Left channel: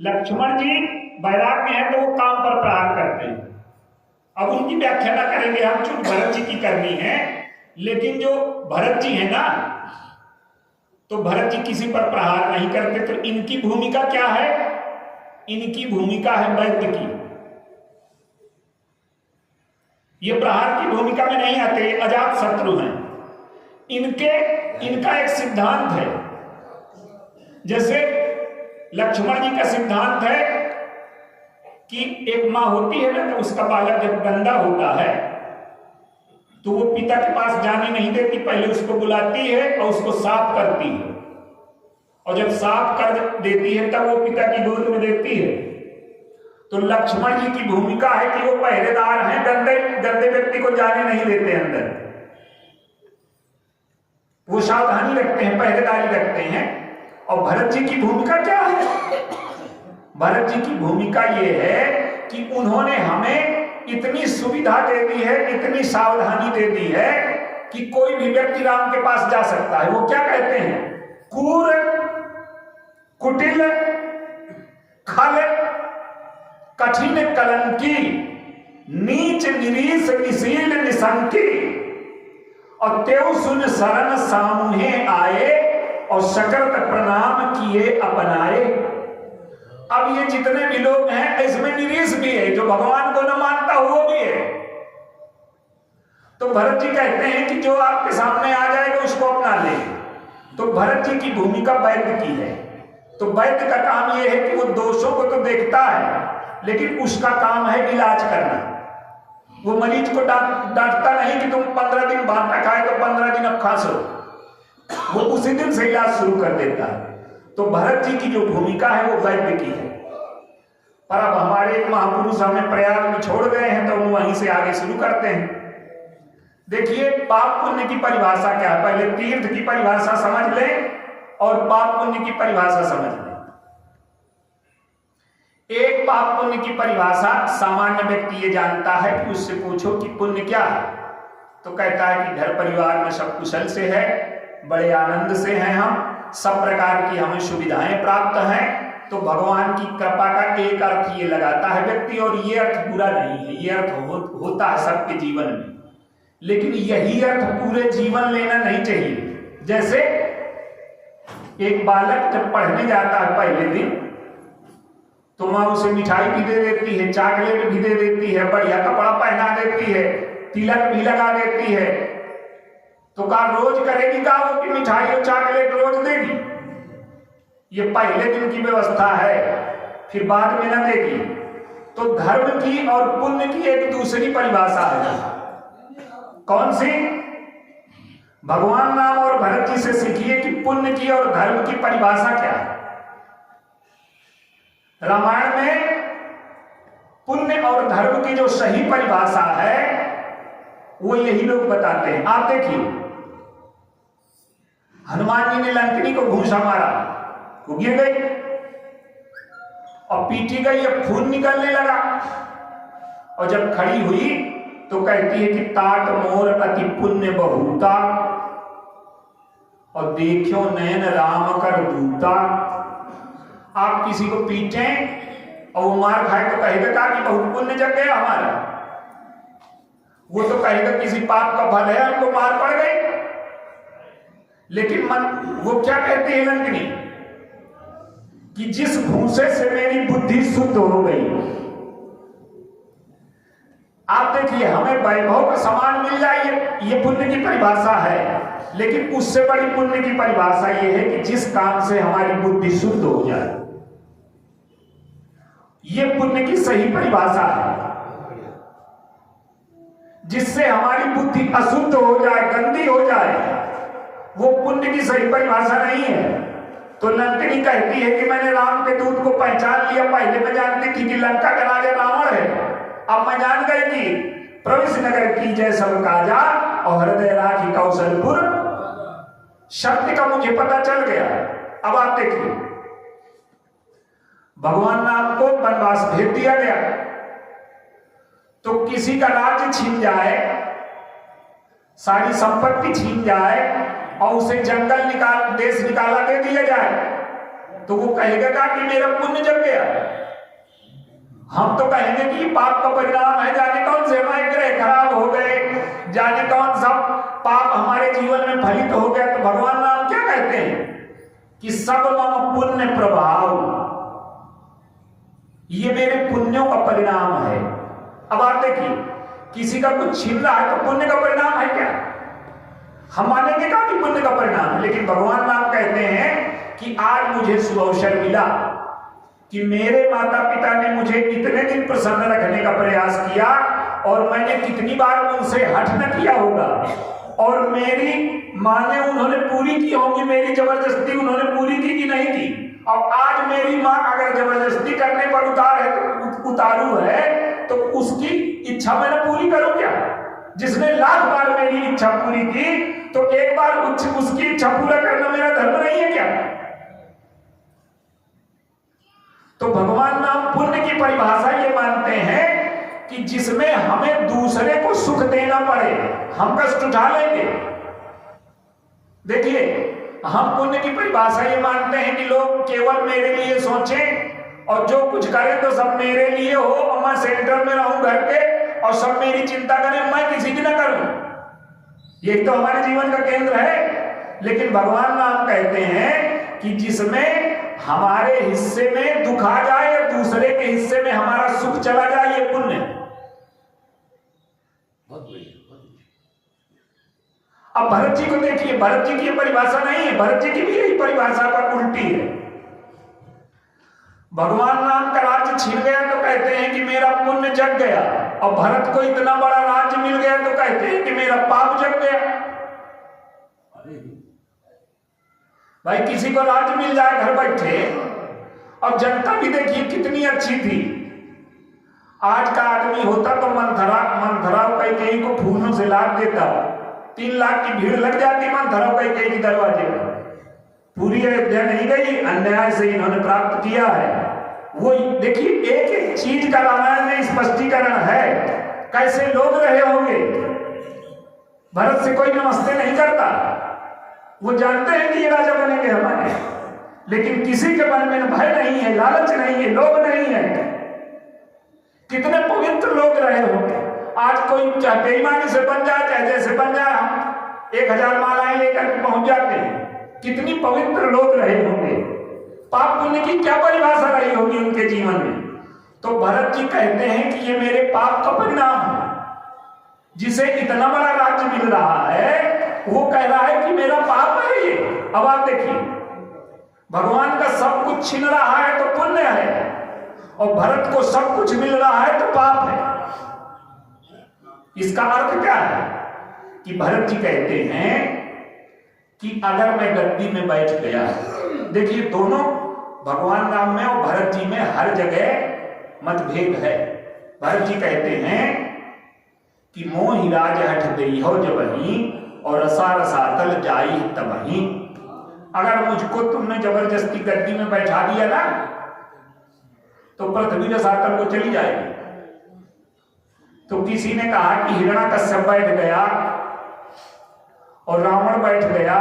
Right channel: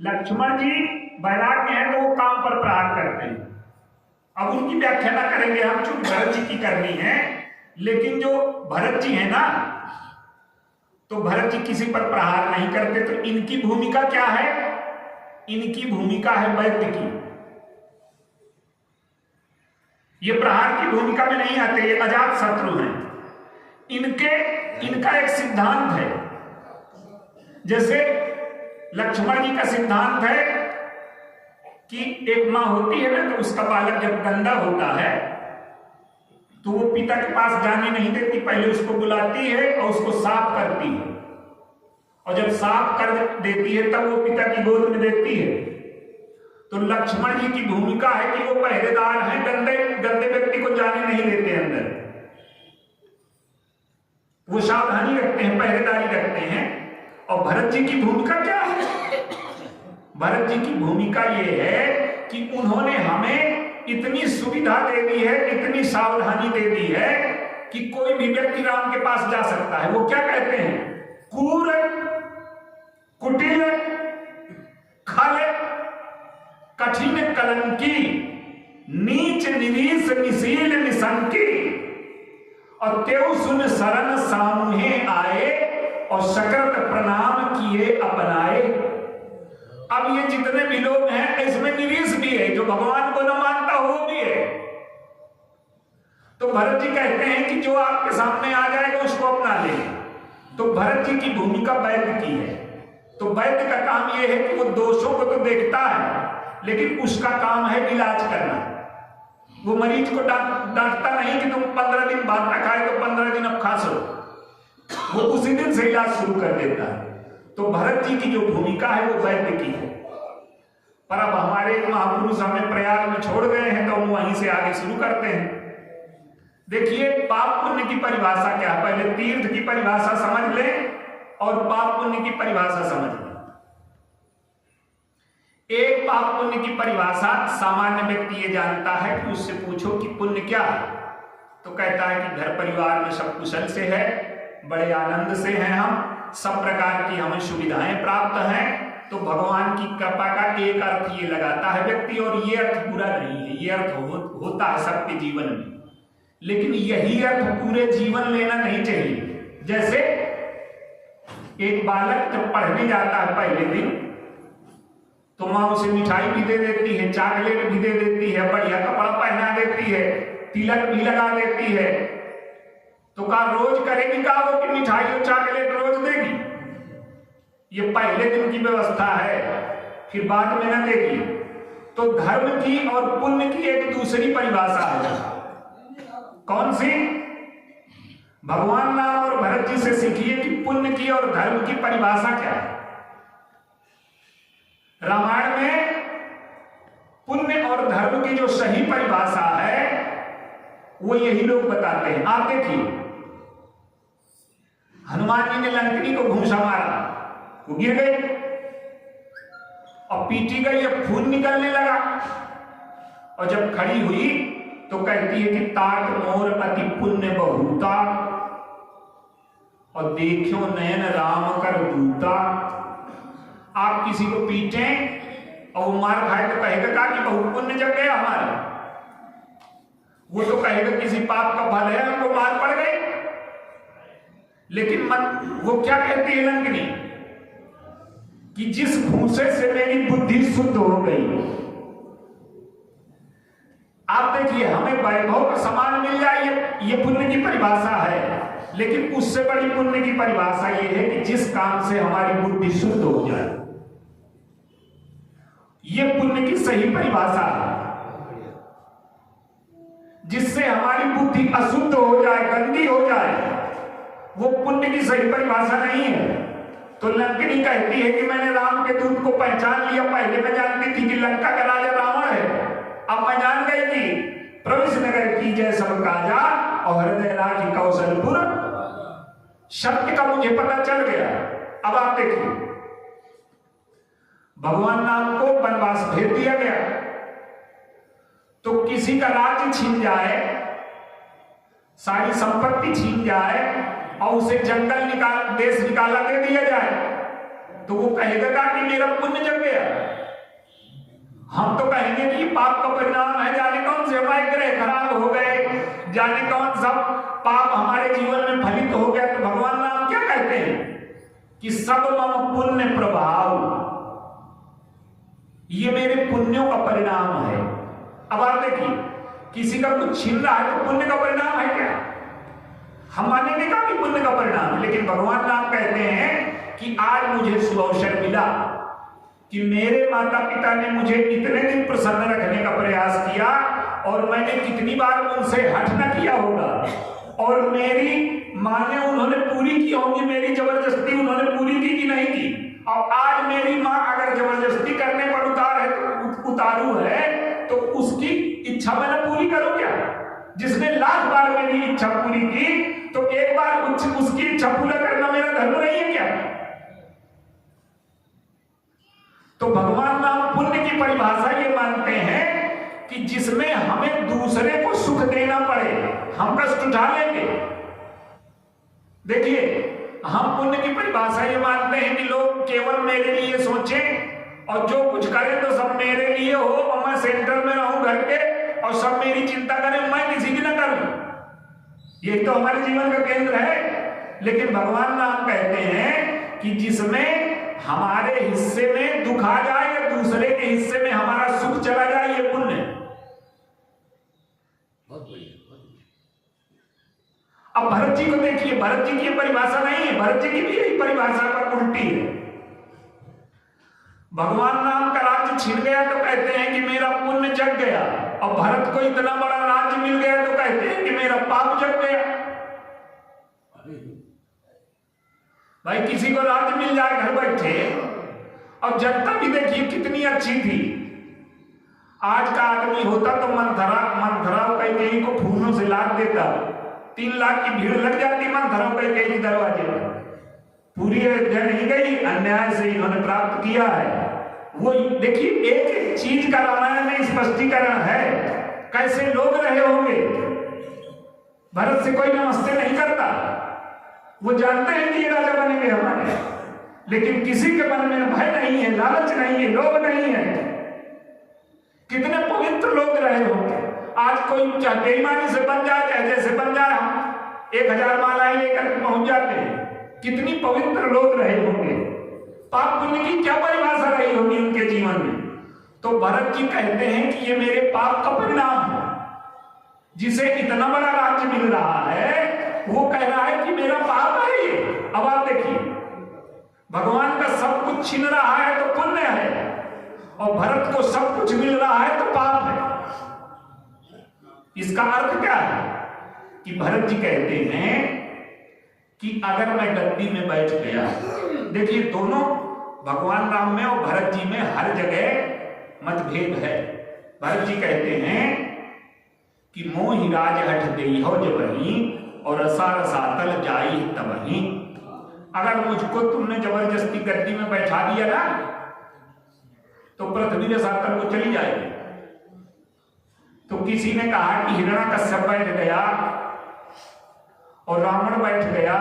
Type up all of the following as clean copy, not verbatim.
लक्ष्मण जी वैराग्य हैं तो वो काम पर प्रहार करते हैं। अब उनकी व्याख्या ना करेंगे हम, चूंकि भरत जी की करनी है। लेकिन जो भरत जी है ना, तो भरत जी किसी पर प्रहार नहीं करते। तो इनकी भूमिका क्या है? इनकी भूमिका है वैद्य की। ये प्रहार की भूमिका में नहीं आते, ये अजात शत्रु हैं। इनका एक सिद्धांत है। जैसे लक्ष्मण जी का सिद्धांत है कि एक माँ होती है ना, तो उसका बालक जब गंदा होता है तो वो पिता के पास जाने नहीं देती, पहले उसको बुलाती है और उसको साफ करती है। और जब साफ कर देती है तब वो पिता की गोद में देती है। तो लक्ष्मण जी की भूमिका है कि वो पहरेदार हैं, गंदे व्यक्ति को जाने नहीं देते अंदर। वो सावधानी रखते हैं, पहरेदारी रखते हैं। और भरत जी की भूमिका क्या है? भरत जी की भूमिका ये है कि उन्होंने हमें इतनी सुविधा दे दी है, इतनी सावधानी दे दी है कि कोई भी व्यक्ति राम के पास जा सकता है। वो क्या कहते हैं? क्रूर, कुटिल, खल, कठिन कलंकी, नीच निरीश निशील निशंकी, और तेउ सुन शरण सामुहे आए, और सकरत प्रणाम किए अपनाए। अब ये जितने भी लोग हैं इसमें निरीश भी है, जो भगवान को न मानता हो वो भी है। तो भरत जी कहते हैं कि जो आपके सामने आ जाएगा उसको अपना ले। तो भरत जी की भूमिका वैद्य की है। तो वैद्य का काम यह है कि वो दोषों को तो देखता है, लेकिन उसका काम है इलाज करना। वो मरीज को डांटता नहीं कि तुम 15 दिन भात न खाए तो 15 दिन अब खा सो। वो उसी दिन से इलाज शुरू कर देता है। तो भरत जी की जो भूमिका है वो वैद्य की है। पर अब हमारे एक महापुरुष हमें प्रयाग में छोड़ गए हैं, तो हम वहीं से आगे शुरू करते हैं। देखिए, पाप पुण्य की परिभाषा क्या है? पहले तीर्थ की परिभाषा समझ लें और पाप पुण्य की परिभाषा समझ लें। एक पाप पुण्य की परिभाषा सामान्य व्यक्ति ये जानता है कि उससे पूछो कि पुण्य क्या है, तो कहता है कि घर परिवार में सब कुशल से है, बड़े आनंद से हैं, हम सब प्रकार की हमें सुविधाएं प्राप्त हैं। तो भगवान की कृपा का एक अर्थ ये लगाता है व्यक्ति, और ये अर्थ बुरा नहीं है, ये अर्थ होता है सबके जीवन में। लेकिन यही अर्थ पूरे जीवन लेना नहीं चाहिए। जैसे एक बालक जब पढ़ने जाता है पहले दिन, तो माँ उसे मिठाई भी दे देती है, चॉकलेट भी दे देती है, बढ़िया कपड़ा पहना देती है, तिलक भी लगा देती है। तो का रोज करेगी का वो कि मिठाई और चॉकलेट रोज देगी? ये पहले दिन की व्यवस्था है, फिर बाद में ना देगी। तो धर्म की और पुण्य की एक दूसरी परिभाषा है। कौन सी? भगवान राम और भरत जी से सीखिए कि पुण्य की और धर्म की परिभाषा क्या है। रामायण में पुण्य और धर्म की जो सही परिभाषा है वो यही लोग बताते हैं। आप देखिए, हनुमान जी ने लंकिनी को घूंसा मारा, वो गिर गई और पीटी गई, अब खून निकलने लगा। और जब खड़ी हुई तो कहती है कि तात मोर अति पुण्य बहुता, और देखो नयन राम कर दूता। आप किसी को पीटें और वो मार खाए तो कहेगा कि बहुत पुण्य जग गया हमारा। वो तो कहेगा किसी पाप का फल है, हमको मार पड़ गई। लेकिन वो क्या कहती है लंकिनी कि जिस भूसे से मेरी बुद्धि शुद्ध हो गई। आप देखिए, हमें वैभव का सामान मिल जाए, ये पुण्य की परिभाषा है। लेकिन उससे बड़ी पुण्य की परिभाषा ये है कि जिस काम से हमारी बुद्धि शुद्ध हो जाए, ये पुण्य की सही परिभाषा है। जिससे हमारी बुद्धि अशुद्ध हो जाए, गंदी हो जाए, वो पुण्य की सही परिभाषा नहीं है। तो लंकिनी कहती है कि मैंने राम के दूत को पहचान लिया। पहले मैं जानती थी कि लंका का राजा रावण है, अब मैं जान गई कि प्रवेश नगर की जय सब काजा, और हृदय राखी कौशलपुर। सत्य का मुझे पता चल गया। अब आप देखिए, भगवान राम को वनवास भेज दिया गया, तो किसी का राज्य छीन जाए, सारी संपत्ति छीन जाए और उसे जंगल देश निकाला दे दिया जाए, तो वो कहेगा कि मेरा पुण्य जग गया। हम तो कहेंगे कि ये पाप का परिणाम है, जाने कौन से हमारे ग्रह खराब हो गए, जाने कौन सा पाप हमारे जीवन में फलित हो गया। तो भगवान नाम क्या कहते हैं कि सब मम पुण्य प्रभाव, ये मेरे पुण्यों का परिणाम है। अब आप देखिए, किसी का कुछ छीन रहा है तो पुण्य का परिणाम है क्या? हम मानेंगे का कि पुण्य का परिणाम है, लेकिन भगवान नाम कहते हैं कि आज मुझे सुअवसर मिला कि मेरे माता पिता ने मुझे इतने दिन प्रसन्न रखने का प्रयास किया और मैंने कितनी बार उनसे हठ न किया होगा, और मेरी माने उन्होंने पूरी की होंगी, मेरी जबरदस्ती उन्होंने पूरी की कि नहीं की। और आज मेरी माँ अगर जबरदस्ती करने पर उतारू है तो उसकी इच्छा मैंने पूरी करूं क्या? जिसने लाख बार मेरी इच्छा पूरी की, तो एक बार उसकी इच्छा पूरा करना मेरा धर्म नहीं है क्या? तो भगवान नाम पुण्य की परिभाषा ये मानते हैं कि जिसमें हमें दूसरे को सुख देना पड़े, हम कष्ट उठा लेंगे। देखिए, हम पुण्य की परिभाषा ये मानते हैं कि लोग केवल मेरे लिए सोचें और जो कुछ करें तो सब मेरे लिए हो, और मैं सेंटर में रहूं घर के और सब मेरी चिंता करें, मैं किसी की ना करूं। यही तो हमारे जीवन का केंद्र है। लेकिन भगवान नाम कहते हैं कि जिसमें हमारे हिस्से में दुख आ जाए या दूसरे के हिस्से में हमारा सुख चला जाए, ये पुण्य। अब भरत जी को देखिए, भरत जी की परिभाषा नहीं है, भरत जी की भी यही परिभाषा पर उल्टी है। भगवान नाम का राज्य छिन गया तो कहते हैं कि मेरा पुण्य जग गया, और भरत को इतना बड़ा राज्य मिल गया तो कहते हैं कि मेरा पाप जग गया। भाई, किसी को राज्य मिल जाए घर बैठे, और जनता भी देखिए कितनी अच्छी थी। आज का आदमी होता तो मंथरा कैकेयी को फूलों से लाद देता, 3 लाख की भीड़ लग जाती मंथरा कैकेयी के दरवाजे पर। पूरी अयोध्या नहीं गई, अन्याय से इन्होंने प्राप्त किया है। वो देखिए, एक एक चीज का रामायण में स्पष्टीकरण है, कैसे लोग रहे होंगे। भरत से कोई नमस्ते नहीं करता, वो जानते हैं कि ये राजा बनेंगे हमारे, लेकिन किसी के मन में भय नहीं है, लालच नहीं है, लोभ नहीं है। कितने पवित्र लोग रहे होंगे। आज कोई चाहे बेईमानी से बन जाए, चाहे जैसे बन जाए, हम 1000 मालाएं लेकर पहुंच जाते हैं। कितनी पवित्र लोग रहे होंगे। पाप पुण्य की क्या परिभाषा रही होगी उनके जीवन में। तो भरत जी कहते हैं कि ये मेरे पाप का परिणाम है। जिसे इतना बड़ा राज्य मिल रहा है, वो कह रहा है कि मेरा पाप है ये। अब आप देखिए, भगवान का सब कुछ छीन रहा है तो पुण्य है, और भरत को सब कुछ मिल रहा है तो पाप है। इसका अर्थ क्या है कि भरत जी कहते हैं कि अगर मैं गद्दी में बैठ गया, देखिए दोनों भगवान राम में और भरत जी में हर जगह मतभेद है। भरत जी कहते हैं कि मोहि राज हठ देई हो जबही और असार सातल जाई तबही। अगर मुझको तुमने जबरदस्ती गद्दी में बैठा दिया ना, तो पृथ्वी रसातल को चली जाएगी। तो किसी ने कहा कि हिरण्यकश्यप बैठ गया और रावण बैठ गया,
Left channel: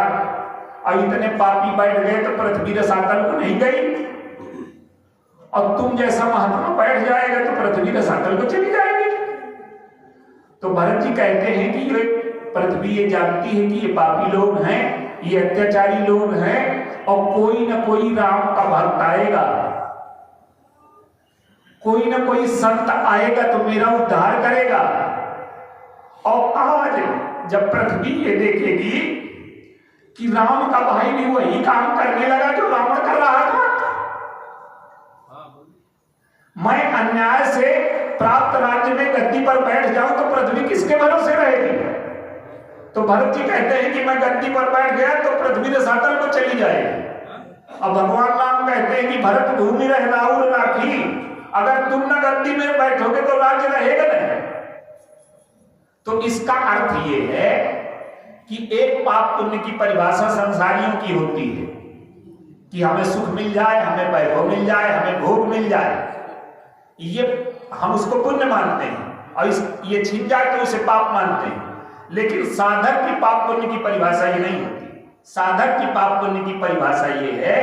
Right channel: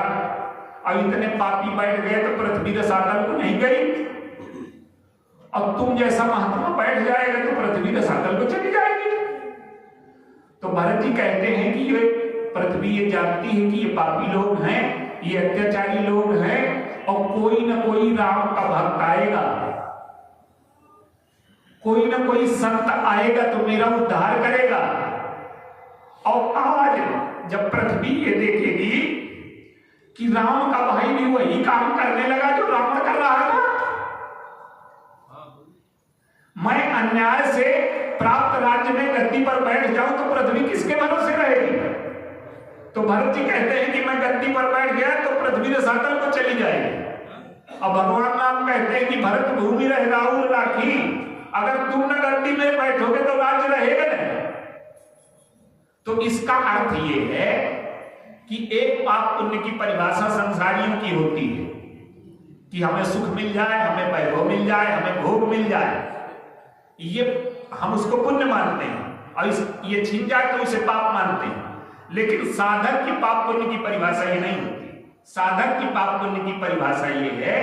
अब इतने पापी बैठ गए तो पृथ्वी रसातल को नहीं गई, और तुम जैसा महात्मा बैठ जाएगा तो पृथ्वी रसातल को चली जाएगी। तो भरत जी कहते हैं कि ये पृथ्वी ये जानती है कि ये पापी लोग हैं, ये अत्याचारी लोग हैं, और कोई ना कोई राम का भक्त आएगा, कोई ना कोई संत आएगा तो मेरा उद्धार करेगा। और आज जब पृथ्वी ये देखेगी कि राम का भाई भी वही काम करने लगा जो रावण कर रहा था, मैं अन्याय से प्राप्त राज्य में गद्दी पर बैठ जाऊं तो पृथ्वी किसके भरोसे रहेगी। तो भरत जी कहते हैं कि मैं गद्दी पर बैठ गया तो पृथ्वी रसातल को चली जाएगी। अब भगवान राम कहते हैं कि भरत भूमि रह राहुल राखी, अगर तुम ना गद्दी में बैठोगे तो राज्य रहेगा नहीं। तो इसका अर्थ ये है कि एक पाप पुण्य की परिभाषा संसारियों की होती है कि हमें सुख मिल जाए, हमें वैभव मिल जाए, हमें भोग मिल जाए, ये हम उसको पुण्य मानते हैं, और ये छीन जाए तो उसे पाप मानते हैं। लेकिन साधक की पाप पुण्य की परिभाषा ये नहीं होती। साधक की पाप पुण्य की परिभाषा ये है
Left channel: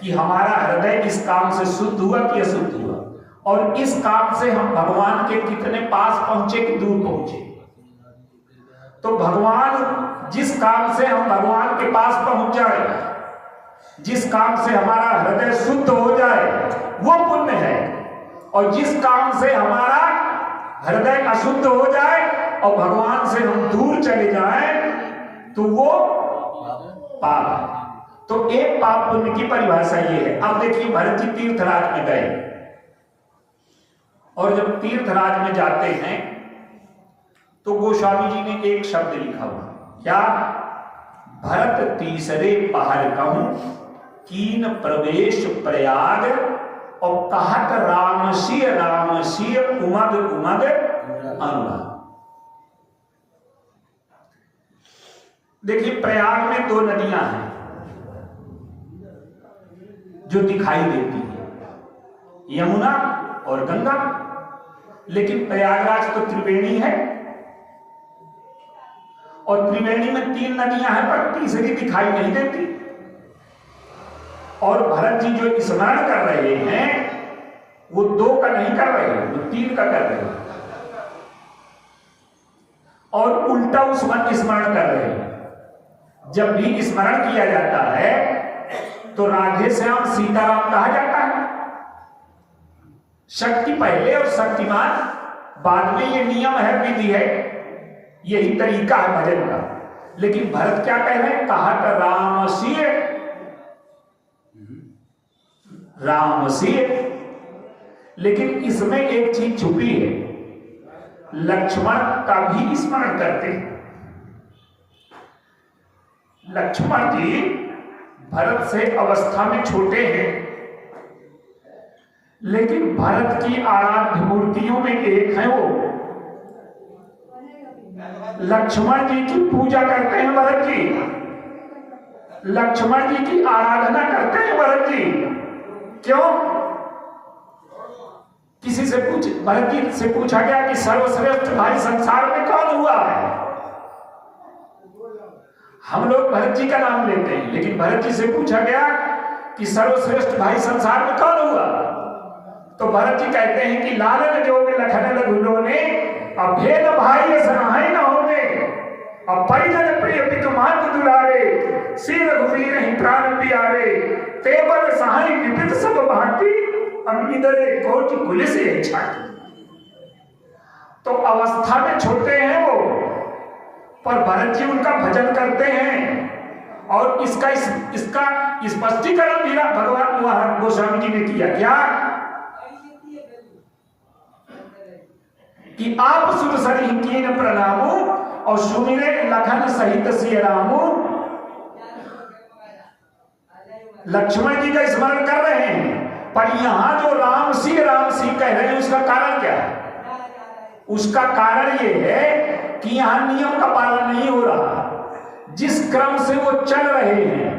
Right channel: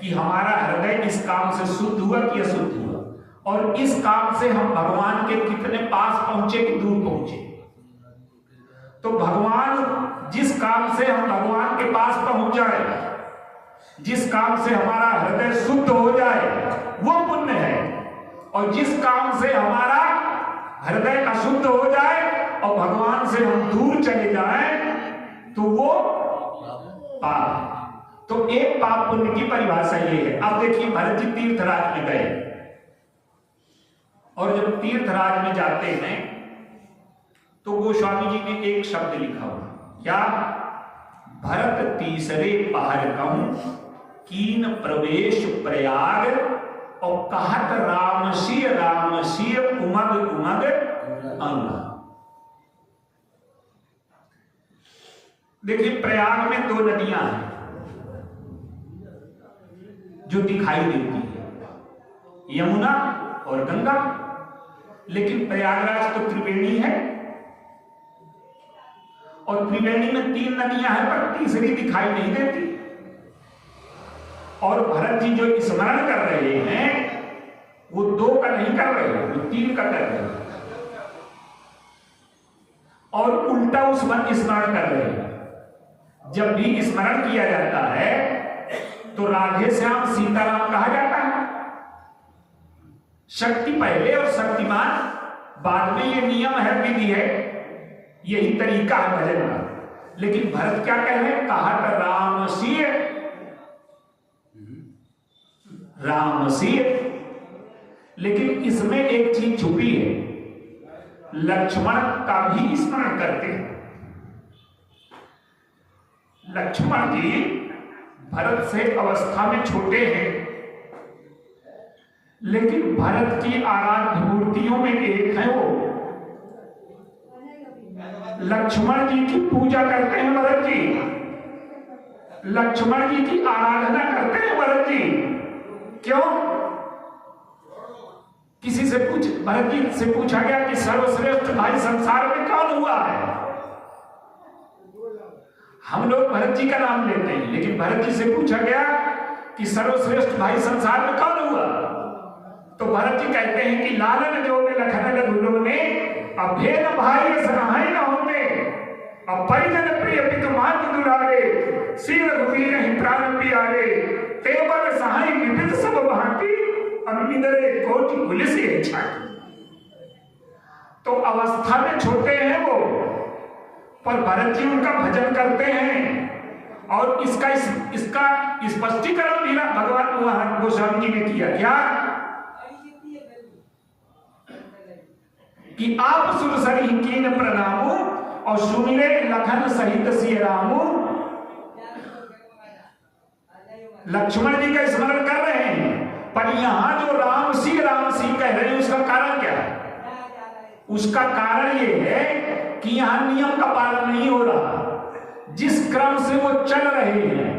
कि हमारा हृदय इस काम से शुद्ध हुआ कि अशुद्ध हुआ, और इस काम से हम भगवान के कितने पास पहुंचे कि दूर पहुंचे। तो भगवान, जिस काम से हम भगवान के पास पहुंच जाए, जिस काम से हमारा हृदय शुद्ध हो जाए, वो पुण्य है। और जिस काम से हमारा हृदय अशुद्ध हो जाए और भगवान से हम दूर चले जाएं, तो वो पाप है। तो एक पाप पुण्य की परिभाषा ये है। अब देखिए, भरत जी तीर्थराज में गए, और जब तीर्थराज में जाते हैं तो गोस्वामी जी ने एक शब्द लिखा हुआ, क्या? भरत तीसरे पहर कहूं कीन प्रवेश प्रयाग, और कहत रामसिय रामसिय उमग उमग अनुराग। देखिए, प्रयाग में दो नदियां हैं जो दिखाई देती है, यमुना और गंगा। लेकिन प्रयागराज तो त्रिवेणी है, और त्रिवेणी में 3 नदियां हैं, पर तीसरी दिखाई नहीं देती। और भरत जी जो स्मरण कर रहे हैं वो 2 का नहीं कर रहे हैं, वो 3 का कर रहे हैं, और उल्टा उस मन स्मरण कर रहे हैं। जब भी स्मरण किया जाता है तो राधे श्याम सीताराम कहा जाता है, शक्ति पहले और शक्तिमान बाद में, ये नियम है, विधि है, यही तरीका है भजन का। लेकिन भरत क्या कह रहे हैं? कहत रामसिय रामसिय। लेकिन इसमें एक चीज छुपी है, लक्ष्मण का भी स्मरण करते हैं। लक्ष्मण जी भरत से अवस्था में छोटे हैं, लेकिन भरत की आराध्य मूर्तियों में एक है वो। लक्ष्मण जी की पूजा करते हैं भरत जी, लक्ष्मण जी की आराधना करते हैं भरत जी। क्यों? किसी से भरत जी से पूछा गया कि सर्वश्रेष्ठ भाई संसार में कौन हुआ है? हम लोग भरत जी का नाम लेते हैं, लेकिन भरत जी से पूछा गया कि सर्वश्रेष्ठ भाई संसार में कौन हुआ? तो भरत जी कहते हैं कि लालन जो लखन लघुलो ने अभेद भाई सनाहे न होने, अब परिजन प्रिय पितु मात दुलारे, श्री रघुवीर ही प्राण प्यारे, तेवर सहाय विपित सब भांति, अग्निदरे कोटि पुलिस ये छाती। तो अवस्था में छोटे हैं वो, पर भरत जी उनका भजन करते हैं। और इसका स्पष्टीकरण भी भगवान गोस्वामी जी ने किया। क्या? कि आप सुर सरी कीन प्रणामो, और सुमिरे लखन सहित सिय रामो। लक्ष्मण जी का स्मरण कर रहे हैं, पर यहां जो राम सी कह रहे हैं, उसका कारण क्या है? उसका कारण ये है कि यहां नियम का पालन नहीं हो रहा। जिस क्रम से वो चल रहे हैं,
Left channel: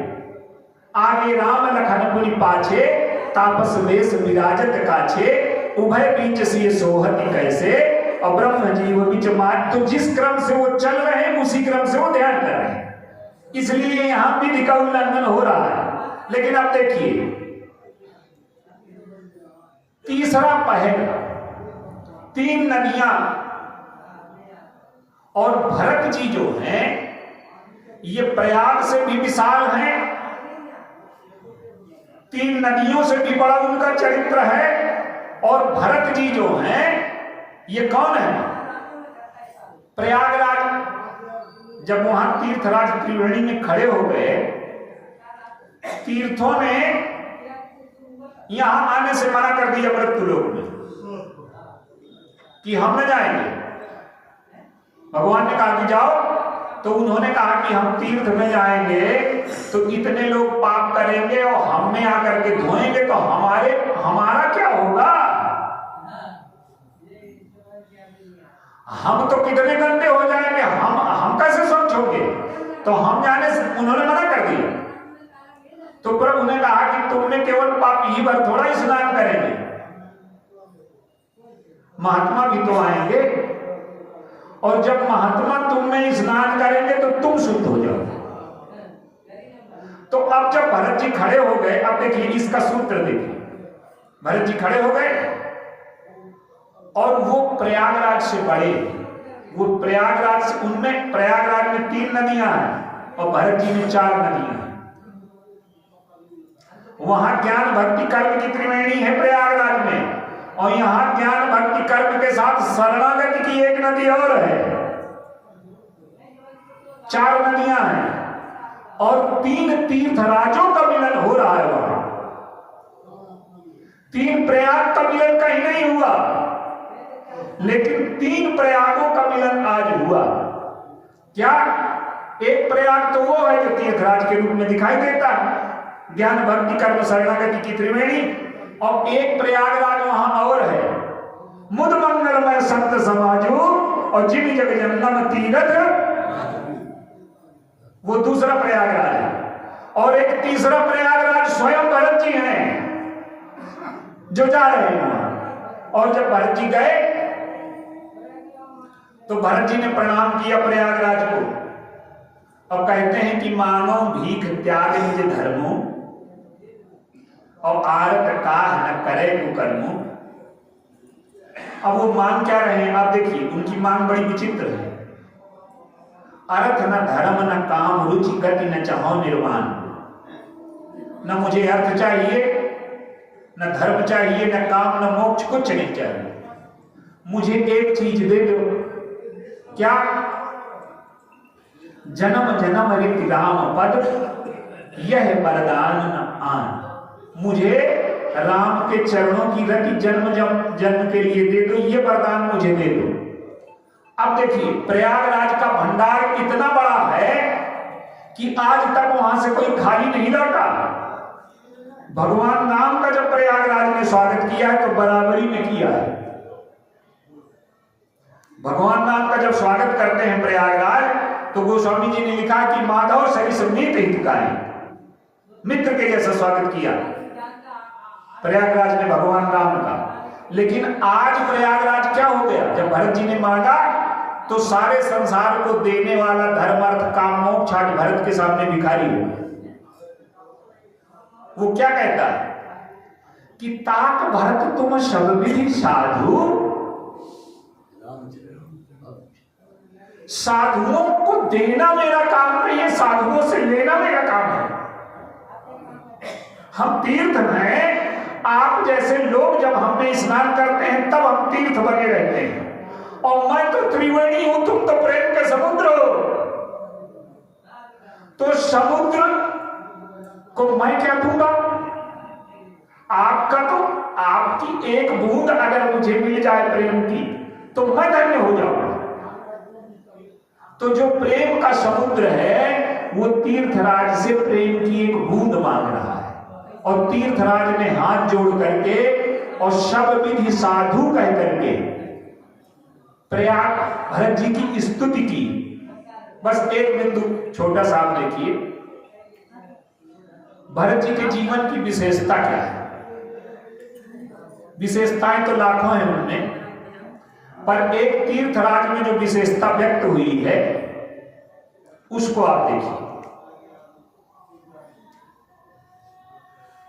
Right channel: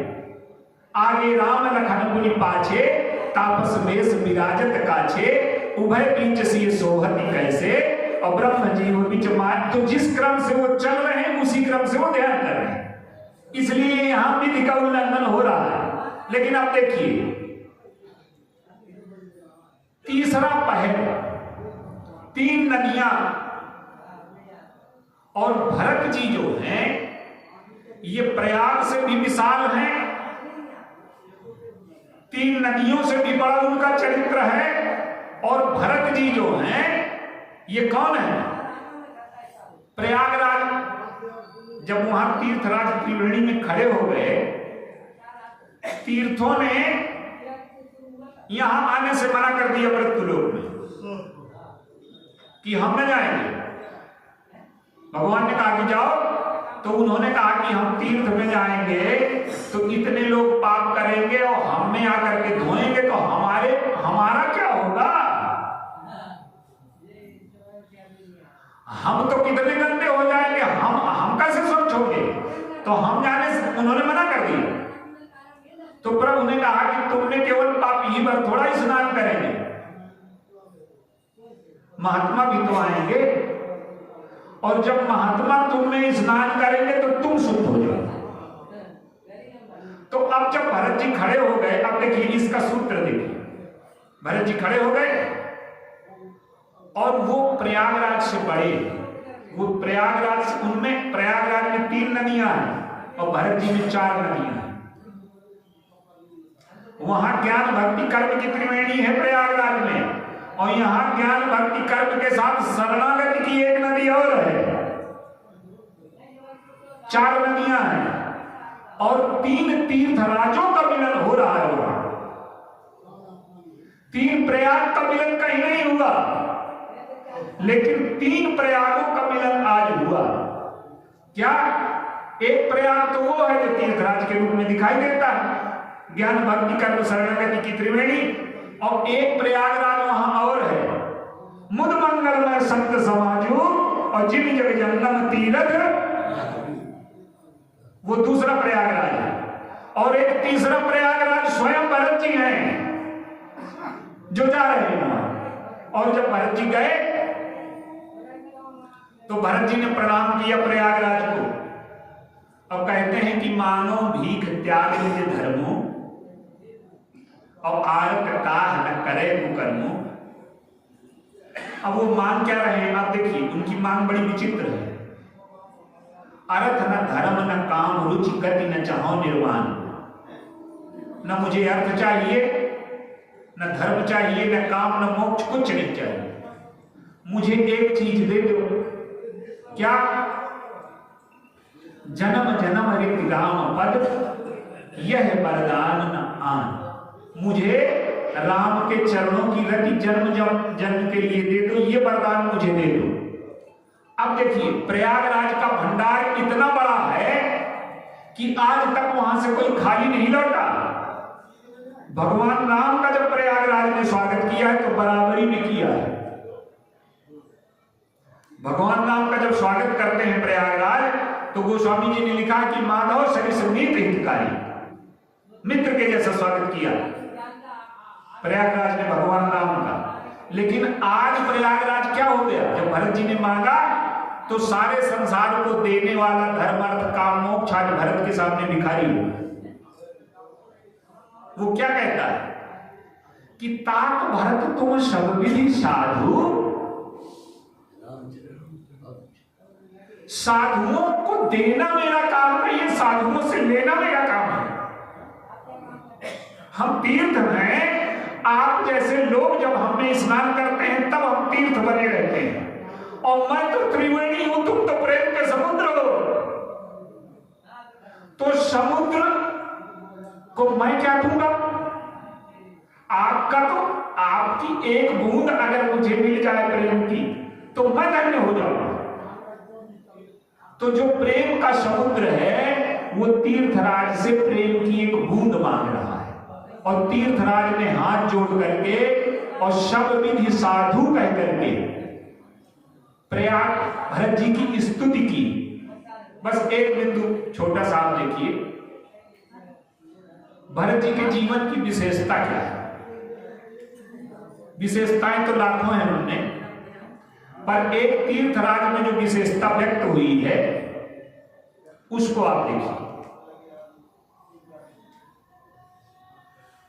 आगे राम लखन मुनि पाछे, तापस वेश विराजत काछे, उभय बीच सिय सोहति कैसे, और ब्रह्म जीव बीच मात। तो जिस क्रम से वो चल रहे हैं, उसी क्रम से वो ध्यान कर रहे हैं, इसलिए यहां विधि का उल्लंघन हो रहा है। लेकिन अब देखिए, तीसरा पहर, 3 नदियां, और भरत जी जो हैं ये प्रयाग से भी विशाल हैं, 3 नदियों से भी बड़ा उनका चरित्र है। और भरत जी जो हैं ये कौन है? प्रयागराज, जब वहां तीर्थराज त्रिवेणी में खड़े हो गए, तीर्थों ने यहां आने से मना कर दिया मृत्युलोक में कि हम न जाएंगे। भगवान ने कहा कि जाओ, तो उन्होंने कहा कि हम तीर्थ में जाएंगे तो इतने लोग पाप करेंगे और हम में आकर के धोएंगे, तो हमारा क्या होगा? हम तो कितने गंदे हो जाएंगे, हम कैसे सोचोगे? तो हम जाने से उन्होंने मना कर दिया। तो प्रभु ने कहा कि तुमने केवल पापी भर थोड़ा स्नान करेंगे, महात्मा भी तो आएंगे, और जब महात्मा तुम में स्नान करेंगे तो तुम शुद्ध हो जाओ। तो अब जब भरत जी खड़े हो गए, अब देखिए इसका सूत्र देखिए, भरत जी खड़े हो गए, और वो प्रयागराज से बड़े, वो प्रयागराज से, उनमें प्रयागराज में 3 नदियां हैं और भरत जी में 4 नदियां हैं। वहां ज्ञान भक्ति कर्म की त्रिवेणी है प्रयागराज में, और यहां ज्ञान भक्ति कर्म के साथ शरणागति की एक नदी और है। 4 नदियां हैं और 3 तीर्थराजों का मिलन हो रहा है वहां। 3 प्रयाग का मिलन कहीं नहीं हुआ, लेकिन 3 प्रयागों का मिलन आज हुआ। क्या? एक प्रयाग तो वो है जो तीर्थराज के रूप में दिखाई देता है, ज्ञान भक्ति कर्म शरणागति की त्रिवेणी, और एक प्रयागराज वहां और है, मुद मंगलमय संत समाजू और जिन जग जन्म तीरथ, वो दूसरा प्रयागराज है। और एक तीसरा प्रयागराज स्वयं भरत जी हैं जो जा रहे हैं वहां। और जब भरत जी गए तो भरत जी ने प्रणाम किया प्रयागराज को, अब कहते हैं कि मानो भीख त्याग निज धर्मो और आरत काह न करे कुकर्मो। अब वो मांग क्या रहे हैं आप देखिए, उनकी मांग बड़ी विचित्र है। अर्थ न धर्म न काम रुचि गति न चाहो निर्वाण। न मुझे अर्थ चाहिए, न धर्म चाहिए, न काम, न मोक्ष, कुछ नहीं चाहिए। मुझे एक चीज दे दो, क्या? जन्म जन्म ऋत राम पद, यह वरदान न आन। मुझे राम के चरणों की रति जन्म जन्म के लिए दे दो, ये वरदान मुझे दे दो। अब देखिए प्रयागराज का भंडार इतना बड़ा है कि आज तक वहां से कोई खाली नहीं लौटा। भगवान राम का जब प्रयागराज में स्वागत किया है तो बराबरी में किया है। भगवान राम का जब स्वागत करते हैं प्रयागराज तो गोस्वामी जी ने लिखा कि माधव सरिस नीत हितकारी, मित्र के जैसा स्वागत किया प्रयागराज में भगवान राम का। लेकिन आज प्रयागराज क्या हो गया? जब भरत जी ने मांगा तो सारे संसार को देने वाला धर्म अर्थ काम मोक्ष आज भरत के सामने भिखारी हो। वो क्या कहता है कि ताक भरत तुम सब विधि साधु, साधुओं को देना मेरा काम नहीं है, साधुओं से लेना मेरा काम है। हम तीर्थ हैं, आप जैसे लोग जब हम में स्नान करते हैं तब हम तीर्थ बने रहते हैं, और मैं तो त्रिवेणी हूं, तुम तो प्रेम के समुद्र हो। तो समुद्र को मैं क्या दूंगा? आपका तो, आपकी एक बूंद अगर मुझे मिल जाए प्रेम की तो मैं धन्य हो जाऊंगा। तो जो प्रेम का समुद्र है वो तीर्थराज से प्रेम की एक बूंद मांग रहा है, और तीर्थराज ने हाथ जोड़ करके और सब विधि साधु कह करके प्रयाग भरत जी की स्तुति की। बस एक बिंदु छोटा सा आप देखिए, भरत जी के जीवन की विशेषता क्या है? विशेषताएं तो लाखों हैं उनमें, पर एक तीर्थराज में जो विशेषता व्यक्त हुई है उसको आप देखिए।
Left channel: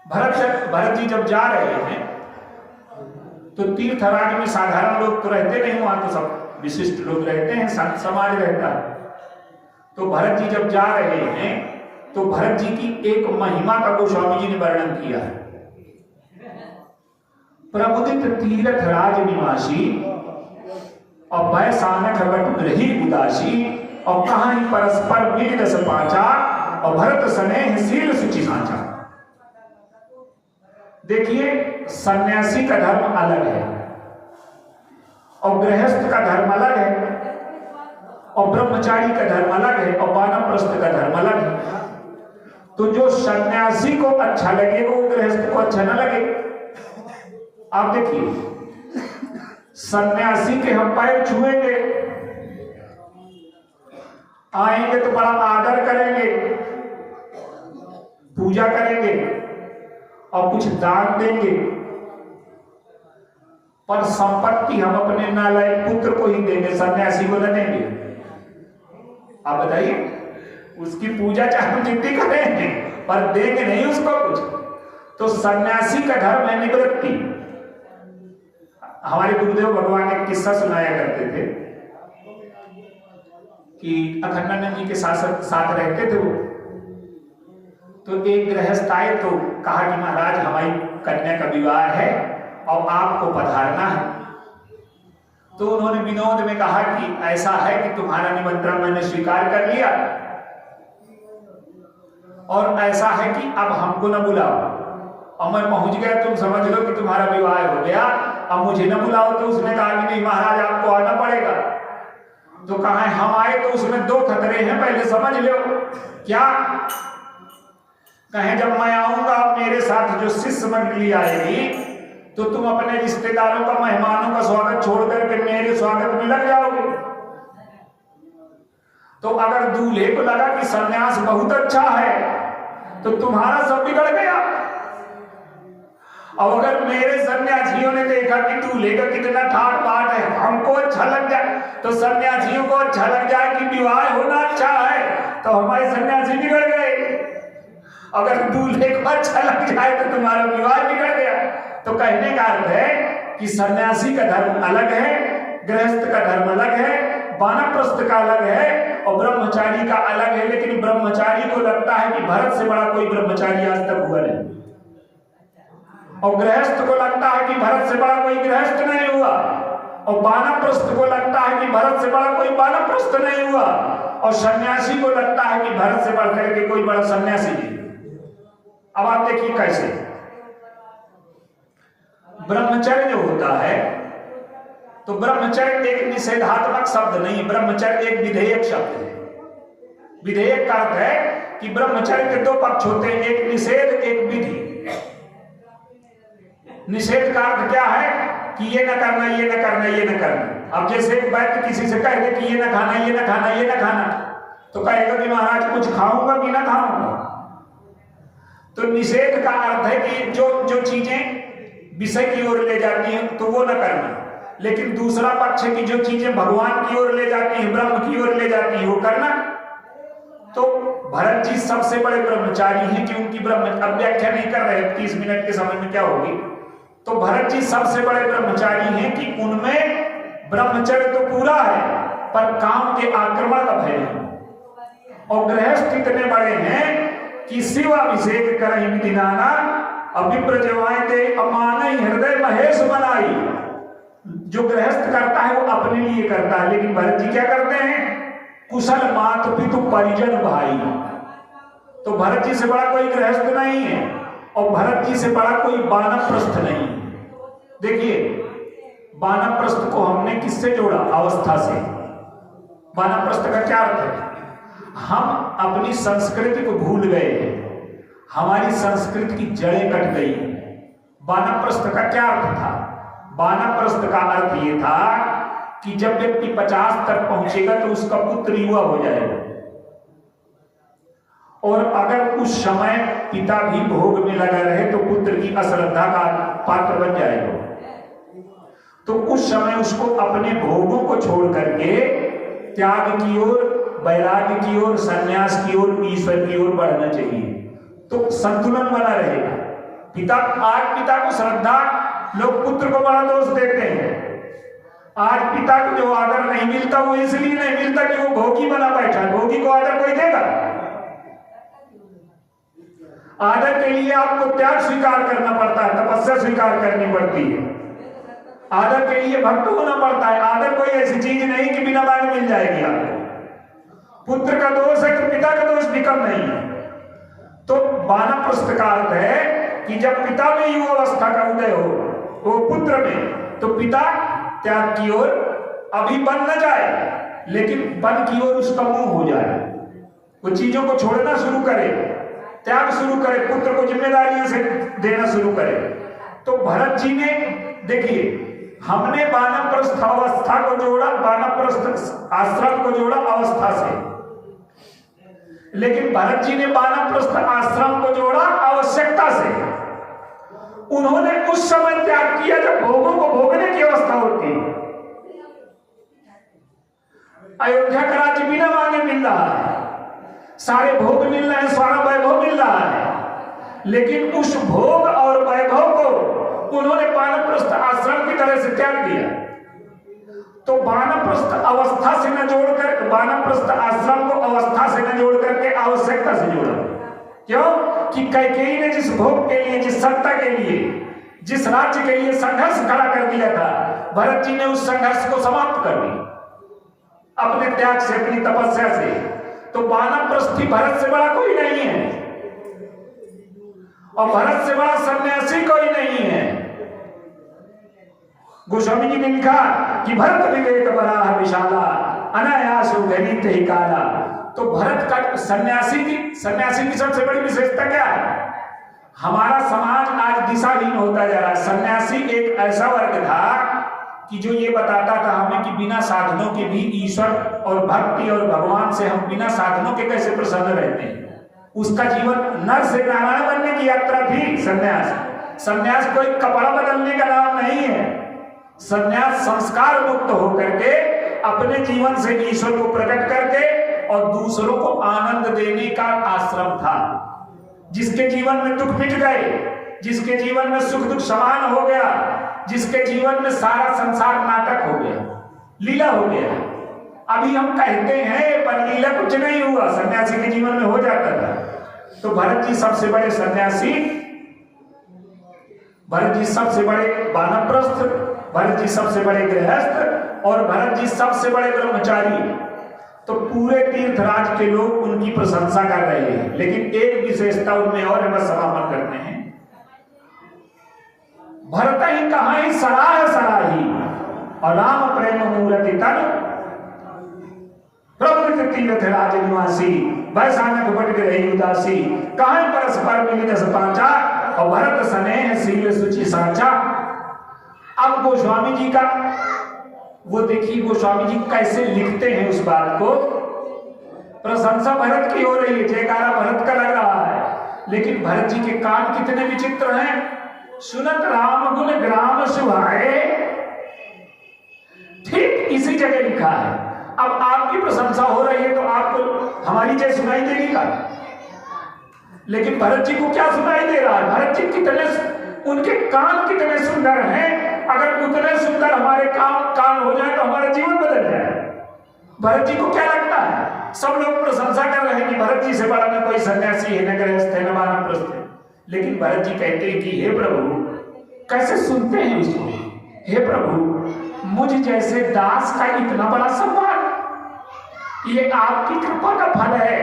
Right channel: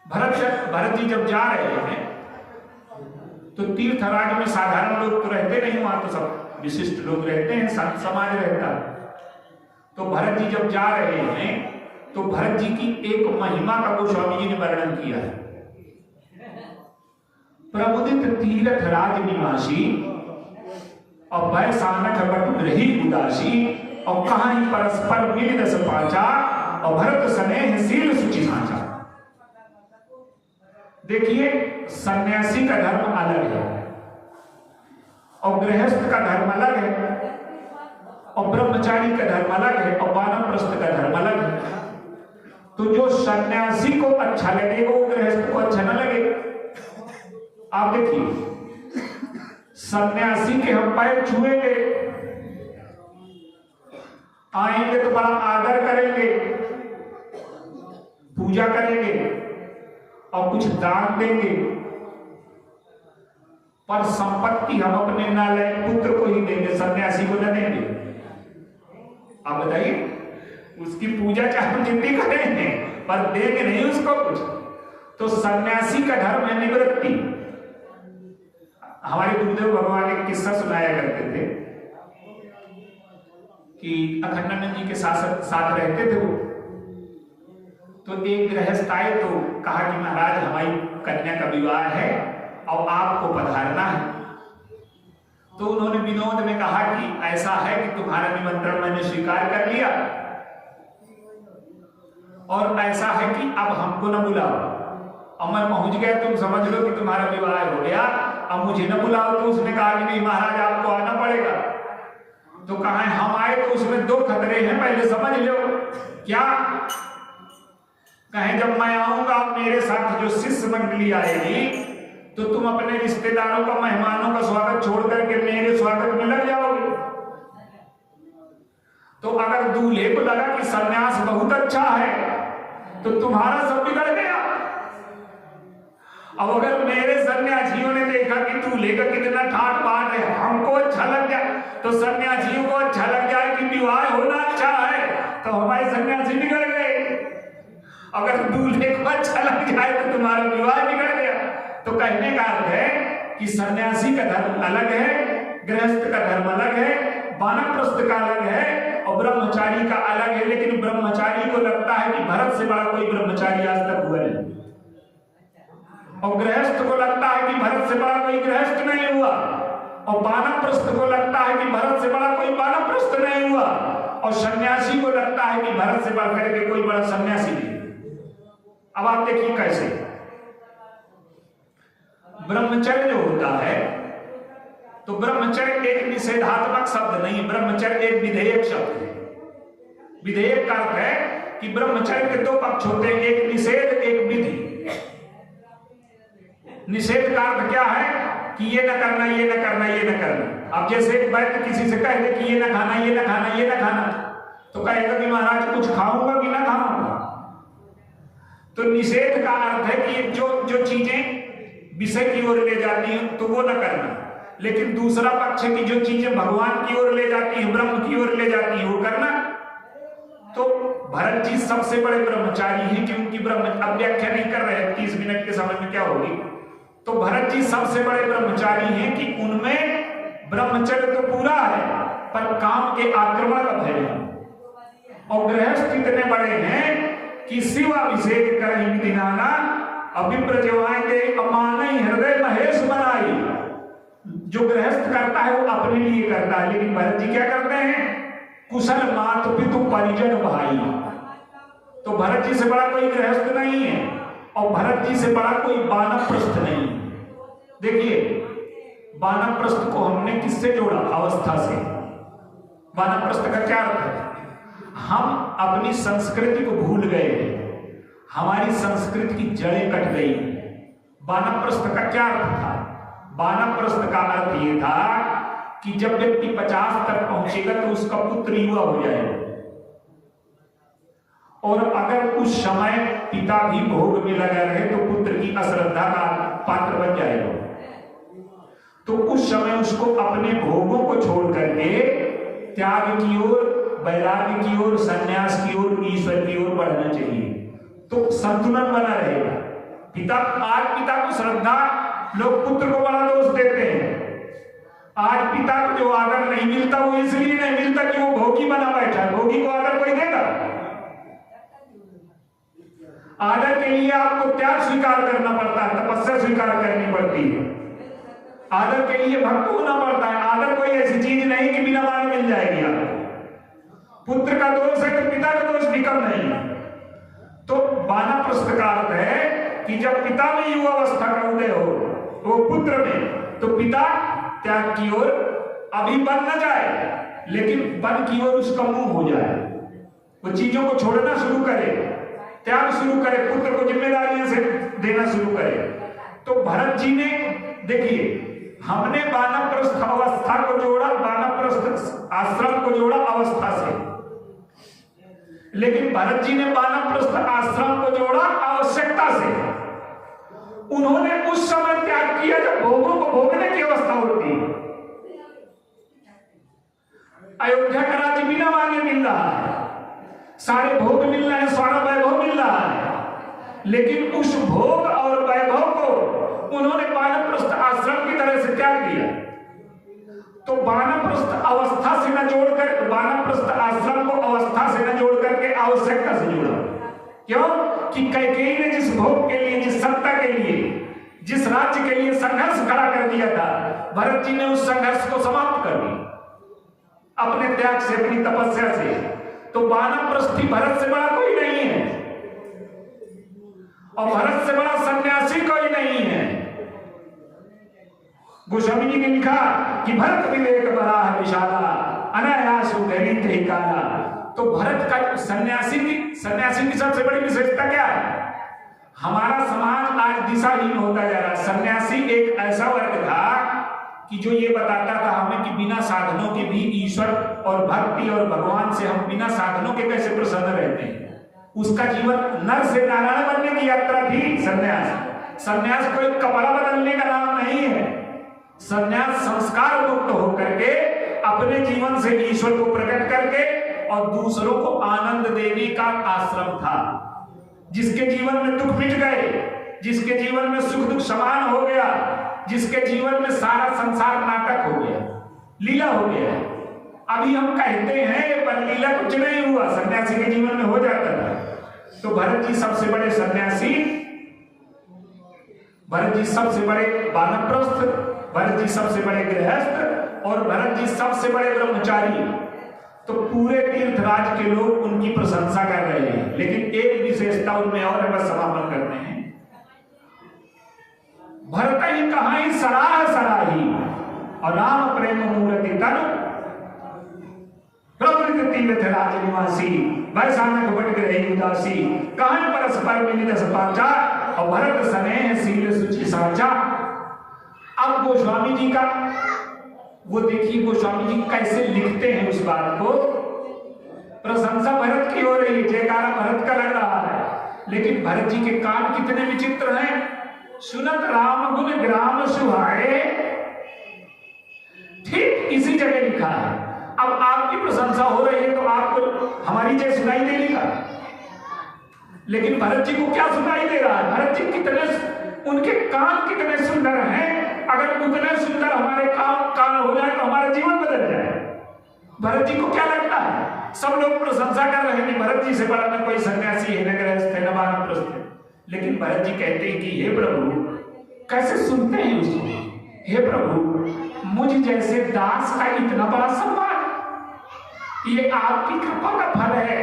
भरत जी जब जा रहे हैं तो तीर्थराज में साधारण लोग तो रहते नहीं, वहां तो सब विशिष्ट लोग रहते हैं, संत समाज रहता है। तो भरत जी जब जा रहे हैं तो भरत जी की एक महिमा का गोस्वामी जी ने वर्णन किया है। प्रमुदित तीर्थ राज निवासी और भय सानक बटु रही उदासी, और कहां परस्पर मिल रस पाचा, और भरत स्नेह शील सुचि सांचा। देखिए सन्यासी का धर्म अलग है और गृहस्थ का धर्म अलग है, और ब्रह्मचारी का धर्म अलग है, और वानप्रस्थ का धर्म अलग है। तो जो सन्यासी को अच्छा लगेगा वो गृहस्थ को अच्छा न लगे। आप देखिए सन्यासी के हम पैर छुएंगे, आएंगे तो बड़ा आदर करेंगे, पूजा करेंगे और कुछ दान देंगे, पर संपत्ति हम अपने नालायक पुत्र को ही देंगे, सन्यासी को न देंगे। आप बताइए, उसकी पूजा चाहे जितनी करेंगे पर देंगे नहीं उसको कुछ। तो सन्यासी का धर्म है निवृत्ति। हमारे गुरुदेव भगवान एक किस्सा सुनाया करते थे कि अखंडानंद जी के साथ रहते थे वो। तो एक गृहस्थ आए तो कहा कि महाराज हमारी कन्या का विवाह है और आपको पधारना है। तो उन्होंने विनोद में कहा कि ऐसा है कि तुम्हारा निमंत्रण मैंने स्वीकार कर लिया और ऐसा है कि अब हमको न बुलाओ, और मैं पहुंच गया, तुम समझ लो कि तुम्हारा विवाह हो गया, अब मुझे न बुलाओ। तो उसने कहा कि नहीं महाराज आपको आना पड़ेगा। तो कहा हम आए तो उसमें दो खतरे हैं, पहले समझ लो। क्या? कहें जब मैं आऊंगा मेरे साथ जो शिष्य मंडली आएगी तो तुम अपने रिश्तेदारों का, मेहमानों का स्वागत छोड़ करके मेरे स्वागत में लग जाओगे। तो अगर दूल्हे को लगा कि सन्यास बहुत अच्छा है तो तुम्हारा सब बिगड़ गया। अब अगर मेरे सन्यासियों ने देखा कि दूल्हे का कितना ठाट बाट है, हमको अच्छा लग जाए, तो सन्यासियों को अच्छा लग जाए कि विवाह होना अच्छा है, तो हमारे सन्यासी बिगड़ गए। अगर दूल्हे को अच्छा लग जाए तो तुम्हारा विवाह बिगड़ गया। तो कहने का अर्थ है कि सन्यासी का धर्म अलग है, गृहस्थ का धर्म अलग है, वानप्रस्थ का अलग है और ब्रह्मचारी का अलग है। लेकिन ब्रह्मचारी को लगता है कि भरत से बड़ा कोई ब्रह्मचारी आज तक हुआ नहीं, और गृहस्थ को लगता है कि भरत से बड़ा कोई गृहस्थ नहीं हुआ, और वानप्रस्थ को लगता है कि भरत से बड़ा कोई वानप्रस्थ नहीं हुआ, और सन्यासी को लगता है कि भरत से बढ़ करके कोई बड़ा सन्यासी नहीं। अब आप देखिए कैसे ब्रह्मचर्य जो होता है, तो ब्रह्मचर्य एक निषेधात्मक शब्द नहीं, ब्रह्मचर्य एक विधेयक शब्द है। विधेयक का अर्थ है कि ब्रह्मचर्य के दो पक्ष होते हैं, एक निषेध एक विधि। निषेध का अर्थ क्या है कि ये न करना, ये न करना, ये न करना। अब जैसे एक वैद्य किसी से कह दे कि ये न खाना, ये न खाना, ये न खाना, तो कहेगा कि महाराज कुछ खाऊंगा कि ना खाऊंगा। तो निषेध का अर्थ है कि जो चीजें विषय की ओर ले जाती हैं तो वो न करना, लेकिन दूसरा पक्ष की जो चीजें भगवान की ओर ले जाती हैं, ब्रह्म की ओर ले जाती हैं, वो करना। तो भरत जी सबसे बड़े ब्रह्मचारी हैं कि उनकी अब व्याख्या नहीं कर रहे, 30 मिनट के समय में क्या होगी। तो भरत जी सबसे बड़े ब्रह्मचारी हैं कि उनमें ब्रह्मचर्य तो पूरा है पर काम के आक्रमण का भय है। और गृहस्थ इतने बड़े हैं कि शिवाभिषेक करहि विधिनाना अभिप्र जवाएंगे अमानई हृदय महेश बनाई। जो गृहस्थ करता है वो अपने लिए करता है, लेकिन भरत जी क्या करते हैं? कुशल मात पितु परिजन भाई। तो भरत जी से बड़ा कोई गृहस्थ नहीं है और भरत जी से बड़ा कोई वानप्रस्थ नहीं है। देखिए वानप्रस्थ को हमने किससे जोड़ा? अवस्था से। वानप्रस्थ का क्या अर्थ है? हम अपनी संस्कृति को भूल गए हैं, हमारी संस्कृति की जड़ें कट गई। वानप्रस्थ का क्या अर्थ था? वानप्रस्थ का अर्थ ये था कि जब व्यक्ति 50 तक पहुंचेगा तो उसका पुत्र युवा हो जाएगा, और अगर उस समय पिता भी भोग में लगा रहे तो पुत्र की अश्रद्धा का पात्र बन जाएगा। तो उस समय उसको अपने भोगों को छोड़ करके त्याग की ओर, वैराग्य की ओर, संन्यास की ओर, ईश्वर की ओर बढ़ना चाहिए, तो संतुलन बना रहेगा। आज पिता को श्रद्धा, लोग पुत्र को बड़ा दोष देते हैं। आज पिता को जो आदर नहीं मिलता वो इसलिए नहीं मिलता कि वो भोगी बना बैठा है। भोगी को आदर कोई देगा? आदर के लिए आपको त्याग स्वीकार करना पड़ता है, तपस्या स्वीकार करनी पड़ती है, आदर के लिए भक्त होना पड़ता है। आदर कोई ऐसी चीज नहीं कि बिना मांगे मिल जाएगी आपको। पुत्र का दोष है तो पिता का दोष भी कम नहीं है। तो वानप्रस्थ का अर्थ है कि जब पिता में युवावस्था का उदय हो तो पुत्र में, तो पिता त्याग की ओर अभी बन न जाए, लेकिन बन की ओर उसका मुंह हो जाए, वो चीजों को छोड़ना शुरू करे, त्याग शुरू करे, पुत्र को जिम्मेदारियां से देना शुरू करे। तो भरत जी ने, देखिए हमने वानप्रस्थ अवस्था को जोड़ा, वानप्रस्थ आश्रम को जोड़ा अवस्था से, लेकिन भरत जी ने वानप्रस्थ आश्रम को जोड़ा आवश्यकता से। उन्होंने उस समय त्याग किया जब भोगों को भोगने की अवस्था होती है। अयोध्या का राज्य बिना मांगे मिल रहा है, सारे भोग मिल रहे हैं, सारा वैभव मिल रहा है, लेकिन उस भोग और वैभव को उन्होंने वानप्रस्थ आश्रम आश्रम की तरह से त्याग दिया। तो वानप्रस्थ अवस्था से न जोड़कर, वानप्रस्थ आश्रम को अवस्था से न जोड़ करके आवश्यकता से जोड़ा। क्यों? कि कैकेयी ने जिस भोग के लिए, जिस सत्ता के लिए, जिस राज्य के लिए संघर्ष खड़ा कर दिया था, भरत जी ने उस संघर्ष को समाप्त कर दिया अपने त्याग से, अपनी तपस्या से। तो वानप्रस्थी भरत से बड़ा कोई नहीं है, और भरत से बड़ा सन्यासी कोई नहीं है। गोस्वामी जी ने लिखा कि भरत विवेक बराह विशाला अनायास गणित ही काला। तो भरत का सन्यासी की सबसे बड़ी विशेषता क्या है? हमारा समाज आज दिशाहीन होता जा रहा है। सन्यासी एक ऐसा वर्ग था कि जो ये बताता था हमें कि बिना साधनों के भी ईश्वर और भक्ति और भगवान से हम बिना साधनों के कैसे प्रसन्न रहते हैं। उसका जीवन नर से नारायण बनने की यात्रा थी सन्यास। सन्यास कोई कपड़ा बदलने का नाम नहीं है। सन्यास संस्कार मुक्त होकर के अपने जीवन से ईश्वर को प्रकट करके और दूसरों को आनंद देने का आश्रम था। जिसके जीवन में दुख मिट गए, जिसके जीवन में सुख दुख समान हो गया, जिसके जीवन में सारा संसार नाटक हो गया, लीला हो गया। अभी हम कहते हैं पर लीला कुछ नहीं हुआ, सन्यासी के जीवन में हो जाता था। तो भरत जी सबसे बड़े सन्यासी, भरत जी सबसे बड़े वानप्रस्थ, भरत जी सबसे बड़े गृहस्थ, और भरत जी सबसे बड़े ब्रह्मचारी। तो पूरे तीर्थराज के लोग उनकी प्रशंसा कर रहे हैं। लेकिन एक विशेषता उनमें और है, बस समापन करते हैं। भरत ही कहा ही सराह सराही, और राम प्रेम मूर्ति तन प्रवृत्त तीर्थ राज निवासी, वैसानक बट रही उदासी, कहां परस्पर मिलित सपाचा, और भरत स्नेह सील सुचि साचा। अब गोस्वामी जी का वो देखिए, गोस्वामी जी कैसे लिखते हैं उस बात को। प्रशंसा भरत की हो रही है, जयकारा भरत का लग रहा है, लेकिन भरत जी के कान कितने विचित्र हैं। सुनत राम गुण ग्राम सुहाए, ठीक इसी जगह लिखा है। अब आपकी प्रशंसा हो रही है तो आपको हमारी जय सुनाई देगी का, लेकिन भरत जी को क्या सुनाई दे रहा है? भरत जी कितने, उनके कान कितने सुंदर हैं। अगर उतने सुंदर हमारे कान हो जाए तो हमारा जीवन बदल जाए। भरत जी को क्या लगता है? सब लोग प्रशंसा कर रहे हैं कि भरत जी से बड़ा न कोई सन्यासी है, न गृहस्थ है, न वानप्रस्थ है। लेकिन भरत जी कहते हैं कि हे प्रभु, कैसे सुनते हैं उसको, हे प्रभु मुझ जैसे दास का इतना बड़ा सम्मान, ये आपकी कृपा का फल है,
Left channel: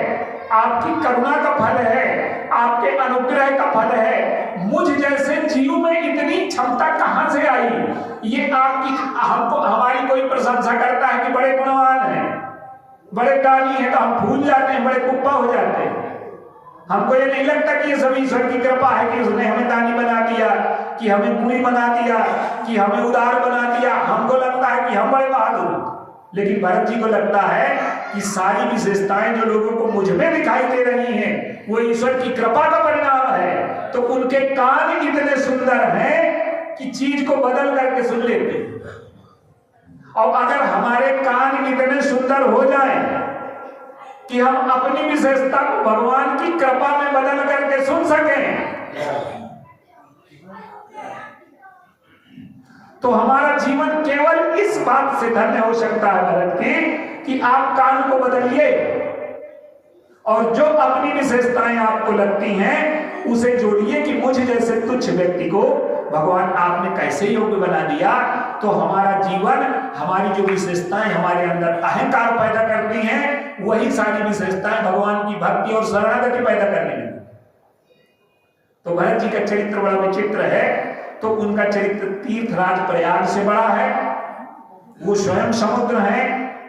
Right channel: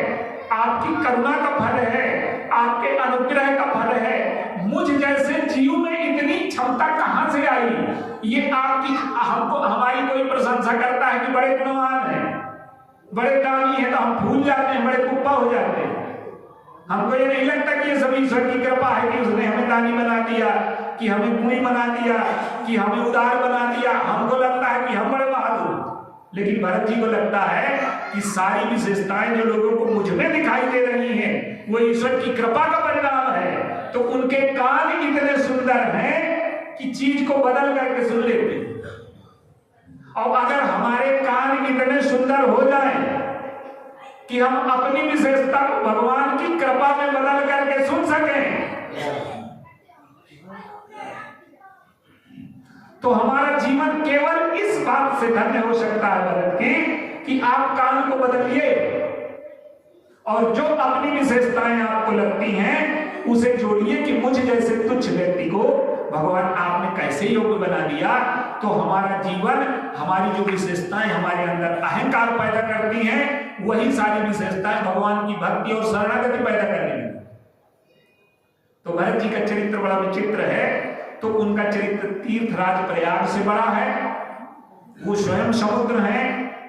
आपकी करुणा का फल है, आपके अनुग्रह का फल है। मुझ जैसे जीव में इतनी क्षमता कहां से आई? ये आपकी, हमको हमारी कोई प्रशंसा करता है कि बड़े गुणवान हैं, बड़े दानी हैं, तो हम भूल जाते हैं, बड़े कुप्पा हो जाते हैं। हमको ये नहीं लगता कि ये सब ईश्वर की कृपा है कि उसने हमें दानी बना दिया, कि हमें गुणी बना दिया, कि हमें उदार बना दिया। हमको लगता है कि हम बड़े बहादुर। लेकिन भरत जी को लगता है कि सारी विशेषताएं जो लोगों को मुझ में दिखाई दे रही हैं वो ईश्वर की कृपा का परिणाम है। तो उनके कान इतने सुंदर हैं कि चीज को बदल करके सुन लेते हैं। और अगर हमारे कान इतने सुंदर हो जाएं कि हम अपनी विशेषता को भगवान की कृपा में बदल करके सुन सकें, तो हमारा जीवन केवल इस बात से धन्य हो सकता है भरत की, कि आप कान को बदलिए और जो अपनी विशेषताएं आपको लगती हैं उसे जोड़िए कि मुझ जैसे तुच्छ व्यक्ति को भगवान आपने कैसे योग्य बना दिया। तो हमारा जीवन, हमारी जो विशेषताएं हमारे अंदर अहंकार पैदा करती हैं, वही सारी विशेषताएं भगवान की भक्ति और शरणागति पैदा करने लगती। तो भरत जी का चरित्र बड़ा विचित्र है। तो उनका चरित्र तीर्थराज प्रयाग से बड़ा है। वो स्वयं समुद्र है,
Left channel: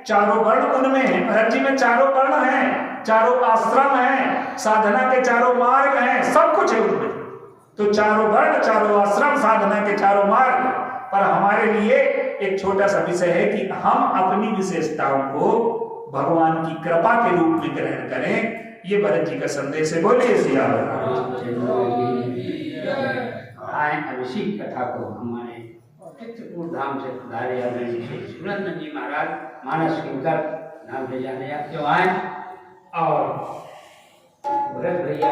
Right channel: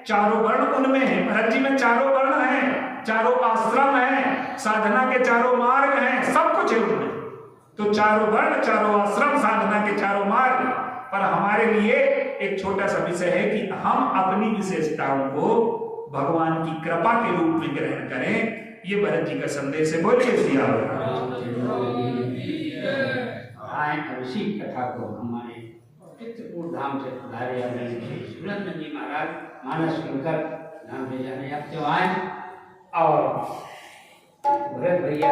चारों वर्ण उनमें है। भरत जी में चारों वर्ण हैं, चारों आश्रम हैं, साधना के चारों मार्ग हैं, सब कुछ है उनमें। तो चारों वर्ण, चारों आश्रम, साधना के चारों मार्ग। पर हमारे लिए एक छोटा सा विषय है कि हम अपनी विशेषताओं को भगवान की कृपा के रूप में ग्रहण करें। ये भरत जी का संदेश है। बोलिए सिया इसी कथा को हमारे चित्रकूट धाम से पधारे सुरेंद्र जी महाराज मानस किंकर नाम से जाने जो आए, और भरत भैया